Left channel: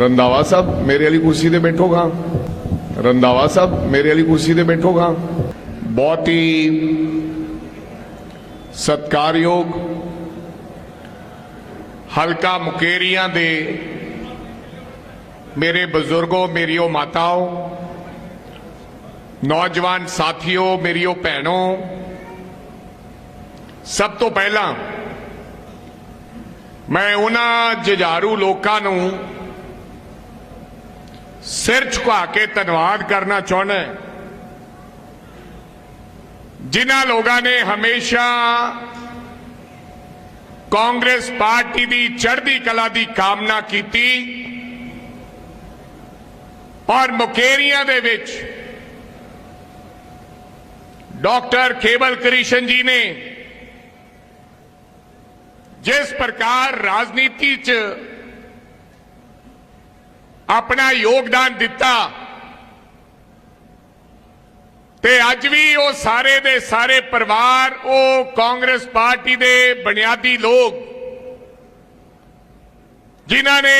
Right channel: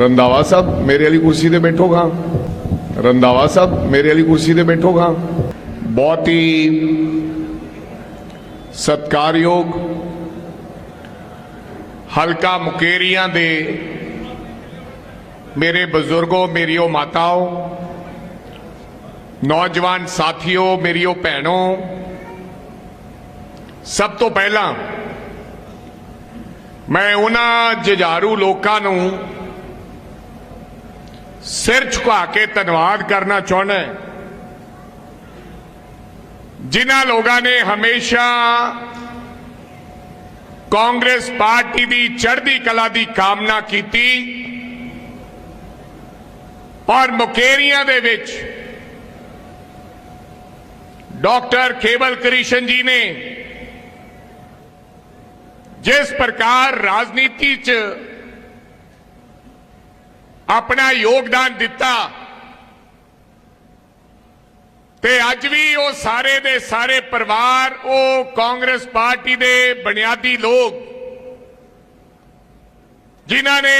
ਰੰਦਾਵਾ ਸਾਹਿਬ ਮੇਰੇ ਵਾਲੀ ਕੁਰਸੀ ਤੇ ਬੈਠੋਗਾ ਰੰਦਾਵਾ ਸਾਹਿਬ ਮੇਰੇ ਵਾਲੀ ਕੁਰਸੀ ਤੇ ਬੈਠੋਗਾ ਬਹੁਤ ਹੀ ਸਤਕਾਰਯੋਗ ਹਲਕਾ ਮੁਕੇਰੀਆਂ ਦੇ ਮੇਰੇ ਬਜ਼ੁਰਗੋ, ਮੇਰੀਓ ਮਾਤਾਓ, ਨੌਜਵਾਨ ਸਾਥੀਓ, ਮੇਰੀਓ ਭੈਣੋ, ਸਭ ਤੋਂ ਪਹਿਲਾਂ ਮੈਂ ਉਹਨਾਂ ਜਜ਼ਾਰੂ ਲੋਕਾਂ ਨੂੰ ਸਿਰ ਝੁਕਾ ਕੇ ਧੰਨਵਾਦ ਕਰਨਾ ਚਾਹੁੰਦਾ ਜਿਨ੍ਹਾਂ ਲੋਕਾਂ ਨੇ ਹਮੇਸ਼ਾ ਕਾਂਗਰਸ ਪਾਰਟੀ ਦੀ ਚੜ੍ਹਦੀ ਕਲਾ ਦੀ ਕਾਮਨਾ ਕੀਤੀ ਔਰ ਮੁਕੇਰੀਆਂ ਦੇ ਵਿੱਚ ਡਾਕਟਰ ਕੇਵਲ ਕ੍ਰਿਸ਼ਨ ਜੀ ਨੇ ਜਿਸ ਪ੍ਰਕਾਰ ਰਾਜਨੀਤੀ 'ਚ ਆਪਣਾ ਯੋਗਦਾਨ ਦਿੱਤਾ। ਤੇ ਅੱਜ ਵੀ ਉਹ ਸਾਰੇ ਦੇ ਸਾਰੇ ਪਰਿਵਾਰ, ਉਹ ਕਾਂਗਰਸ ਪਾਰਟੀ ਦੇ ਬੁਨਿਆਦੀ ਲੋਕ, ਜਿਨ੍ਹਾਂ ਨੇ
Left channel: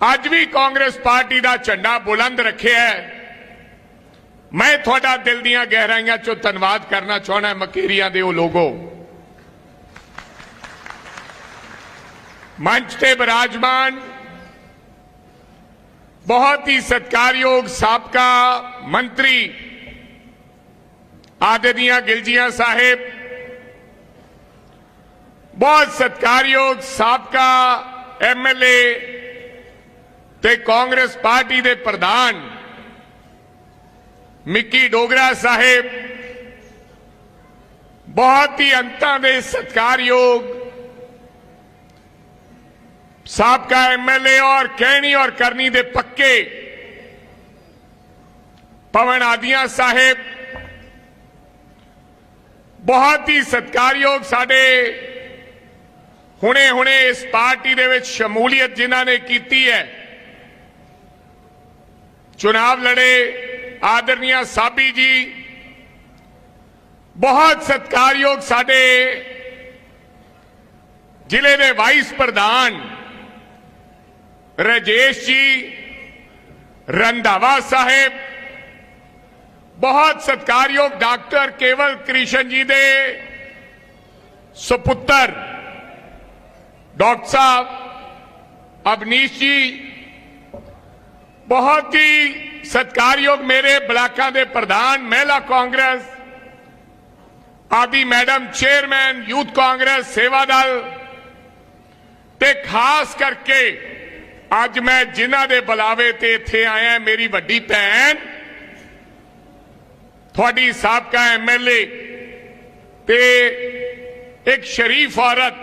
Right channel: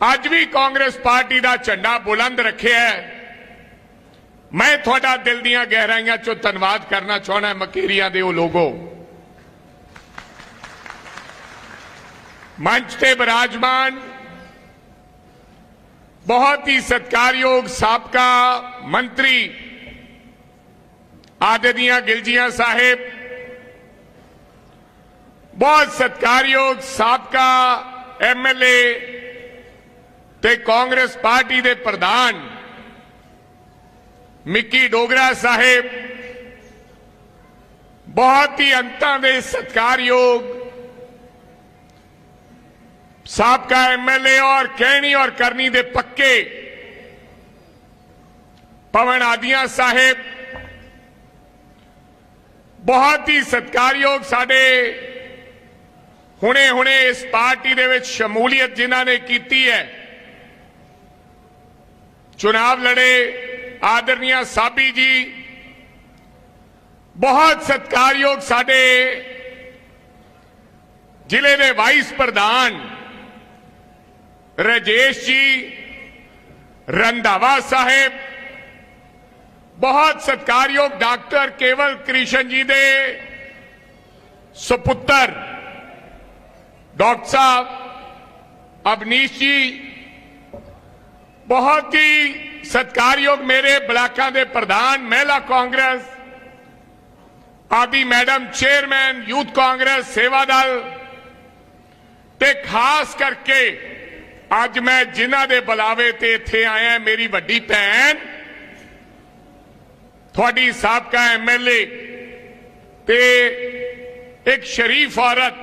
ਅੱਜ ਵੀ ਕਾਂਗਰਸ ਪਾਰਟੀ ਦਾ ਝੰਡਾ ਬੁਲੰਦ ਰੱਖਿਆ ਹੈ। ਮੈਂ ਤੁਹਾਡਾ ਦਿਲ ਦੀਆਂ ਗਹਿਰਾਈਆਂ 'ਚੋਂ ਧੰਨਵਾਦ ਕਰਨਾ ਚਾਹਣਾ ਮਕੀਰੀਆਂ ਦੇ ਉਹ ਲੋਗੋ। ਮੰਚ ਤੇ ਬਿਰਾਜਮਾਨ ਬਹੁਤ ਹੀ ਸਤਕਾਰਯੋਗ ਸਾਬਕਾ ਮੰਤਰੀ ਆਦਰਨੀय ਗਿਲਜੀਆਂ ਸਾਹਿਬ ਬਹੁਤ ਸਤਕਾਰਯੋਗ ਸਾਬਕਾ ਐਮਐਲਏ ਤੇ ਕਾਂਗਰਸ ਪਾਰਟੀ ਦੇ ਪ੍ਰਧਾਨ ਮਿੱਕੀ ਡੋਗਰਾ ਸਾਹਿਬ ਬਹੁਤ ਹੀ ਅੰਤਾਂ ਦੇ ਸਤਕਾਰਯੋਗ ਸਾਬਕਾ ਐਮਐਲਏ ਔਰ ਕਹਿਣੀ ਔਰ ਕਰਨੀ ਦੇ ਪੱਕੇ ਪਵਨ ਆਦੀਆਂ ਸਾਹਿਬ, ਬਹੁਤ ਹੀ ਸਤਕਾਰਯੋਗ ਸਾਡੇ ਹੁਣੇ ਹੁਣੇ ਇਸ ਪਾਰਟੀ ਦੇ ਵਿੱਚ ਸ਼ਮੂਲੀਅਤ ਜਿਨ੍ਹਾਂ ਨੇ ਕੀਤੀ ਹੈ। ਚੁਣਾਵ ਲੜੇ ਆਦਰਨੀਆ ਸਾਬੀ ਜੀ, ਬਹੁਤ ਸਤਕਾਰਯੋਗ ਸਾਡੇ ਜ਼ਿਲ੍ਹੇ ਦੇ ਵਾਈਸ ਪ੍ਰਧਾਨ ਰਜੇਸ਼ ਜੀ ਰੰਧਾਵਾ ਸਾਹਿਬ ਬਹੁਤ ਸਤਕਾਰਯੋਗ ਡਾਕਟਰ ਕੇਵਲ ਕ੍ਰਿਸ਼ਨ ਜੀ ਦੇ ਸੁਪੁੱਤਰ ਡਾਕਟਰ ਸਾਹਿਬ ਅਬਨੀਸ਼ ਜੀ ਬਹੁਤ ਹੀ ਸਤਕਾਰਯੋਗ ਮੇਰੇ ਬਲਾਕਾਂ ਦੇ ਪ੍ਰਧਾਨ ਮਹਿਲਾ ਕਾਂਗਰਸ ਆਦੀ ਮੈਡਮ ਚੇਅਰਮੈਨ ਯੂਥ ਕਾਂਗਰਸ ਸੇਵਾ ਦਲ ਤੇ ਖਾਸ ਕਰਕੇ ਅੱਜ ਮੈਂ ਜਿਨ੍ਹਾਂ ਦੇ ਬੁਲਾਵੇ ਤੇ ਇੱਥੇ ਆਇਆ, ਮੇਰੀ ਵੱਡੀ ਭੈਣ, ਤੁਹਾਡੀ ਸਾਬਕਾ ਐਮਐਲਏ ਤੇ ਇੱਕ ਸ਼ਰੀਫ ਔਰਤ,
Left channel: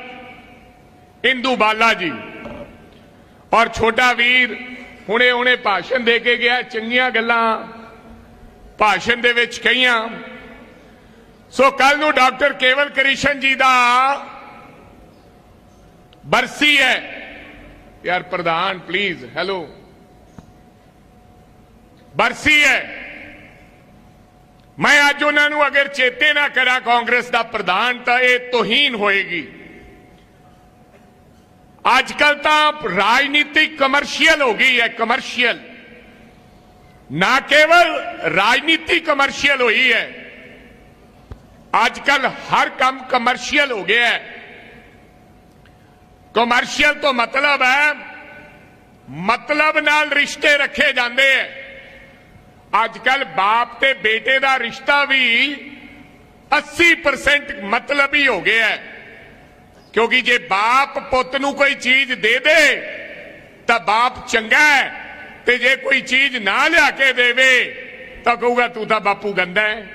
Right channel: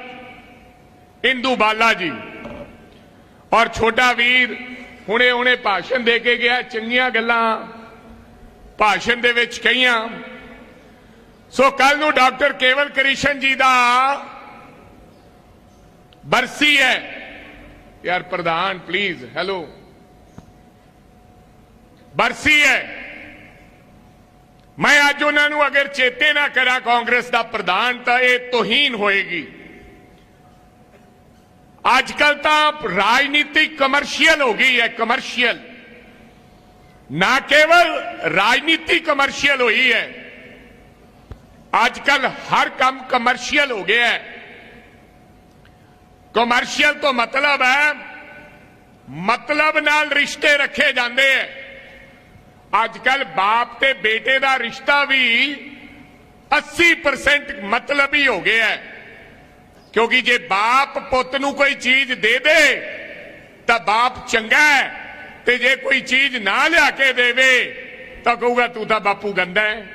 ਇੰਦੂ ਬਾਲਾ ਜੀ। ਔਰ ਛੋਟਾ ਵੀਰ ਹੁਣੇ ਹੁਣੇ ਭਾਸ਼ਣ ਦੇ ਕੇ ਗਿਆ, ਚੰਗੀਆਂ ਗੱਲਾਂ ਭਾਸ਼ਣ ਦੇ ਵਿੱਚ ਕਹੀਆਂ। ਸੋ ਕੱਲ ਨੂੰ ਡਾਕਟਰ ਕੇਵਲ ਕ੍ਰਿਸ਼ਨ ਜੀ ਦਾ ਬਰਸੀ ਹੈ ਯਾਰ ਪ੍ਰਧਾਨ ਪਲੀਜ਼ ਹੈਲੋ ਬਰਸੀ ਹੈ ਮੈਂ ਅੱਜ ਉਹਨਾਂ ਨੂੰ ਅਗਰ ਚੇਤੇ ਨਾ ਕਰਾਂ ਕਾਂਗਰਸ ਦਾ ਪ੍ਰਧਾਨ ਤਾਂ ਇਹ ਤੋਹੀਨ ਹੋਏਗੀ ਅੱਜ ਕੱਲ ਤਾਂ ਰਾਜਨੀਤੀ ਕਮਰਸ਼ੀਅਲ ਹੋ ਗਈ ਹੈ ਕਮਰਸ਼ੀਅਲ ਨਾ ਕੇਵਲ ਰਾਜਨੀਤੀ ਕਮਰਸ਼ੀਅਲ ਹੋਈ ਹੈ ਅੱਜ ਕੱਲ ਹਰ ਕੰਮ ਕਮਰਸ਼ੀਅਲ ਹੋ ਗਿਆ ਹੈ ਕਮਰਸ਼ੀਅਲ ਤੋਂ ਮਤਲਬ ਹੈ, ਮਤਲਬ ਨਾਲ ਰਿਸ਼ਤੇ ਰੱਖੇ ਜਾਂਦੇ ਹੈ। ਅੱਜ ਕੱਲ ਬਾਪ ਤੇ ਬੇਟੇ ਦਾ ਰਿਸ਼ਤਾ ਵੀ 80% ਮਤਲਬੀ ਹੋ ਗਿਆ ਹੈ। ਕਿਉਂਕਿ ਜੇ ਬਾਪ ਪੁੱਤ ਨੂੰ ਕੋਈ ਚੀਜ਼ ਦੇ ਦੇ, ਤਾਂ ਬਾਪ ਚੰਗਾ ਹੈ। ਤੇ ਜੇ ਕੋਈ ਚੀਜ਼ ਨਾ ਲਿਆ ਕੇ ਦੇਵੇ, ਤਾਂ ਕਹੂਗਾ ਤੂੰ ਤਾਂ ਬਾਪੂ ਗੰਦਾ ਹੈ।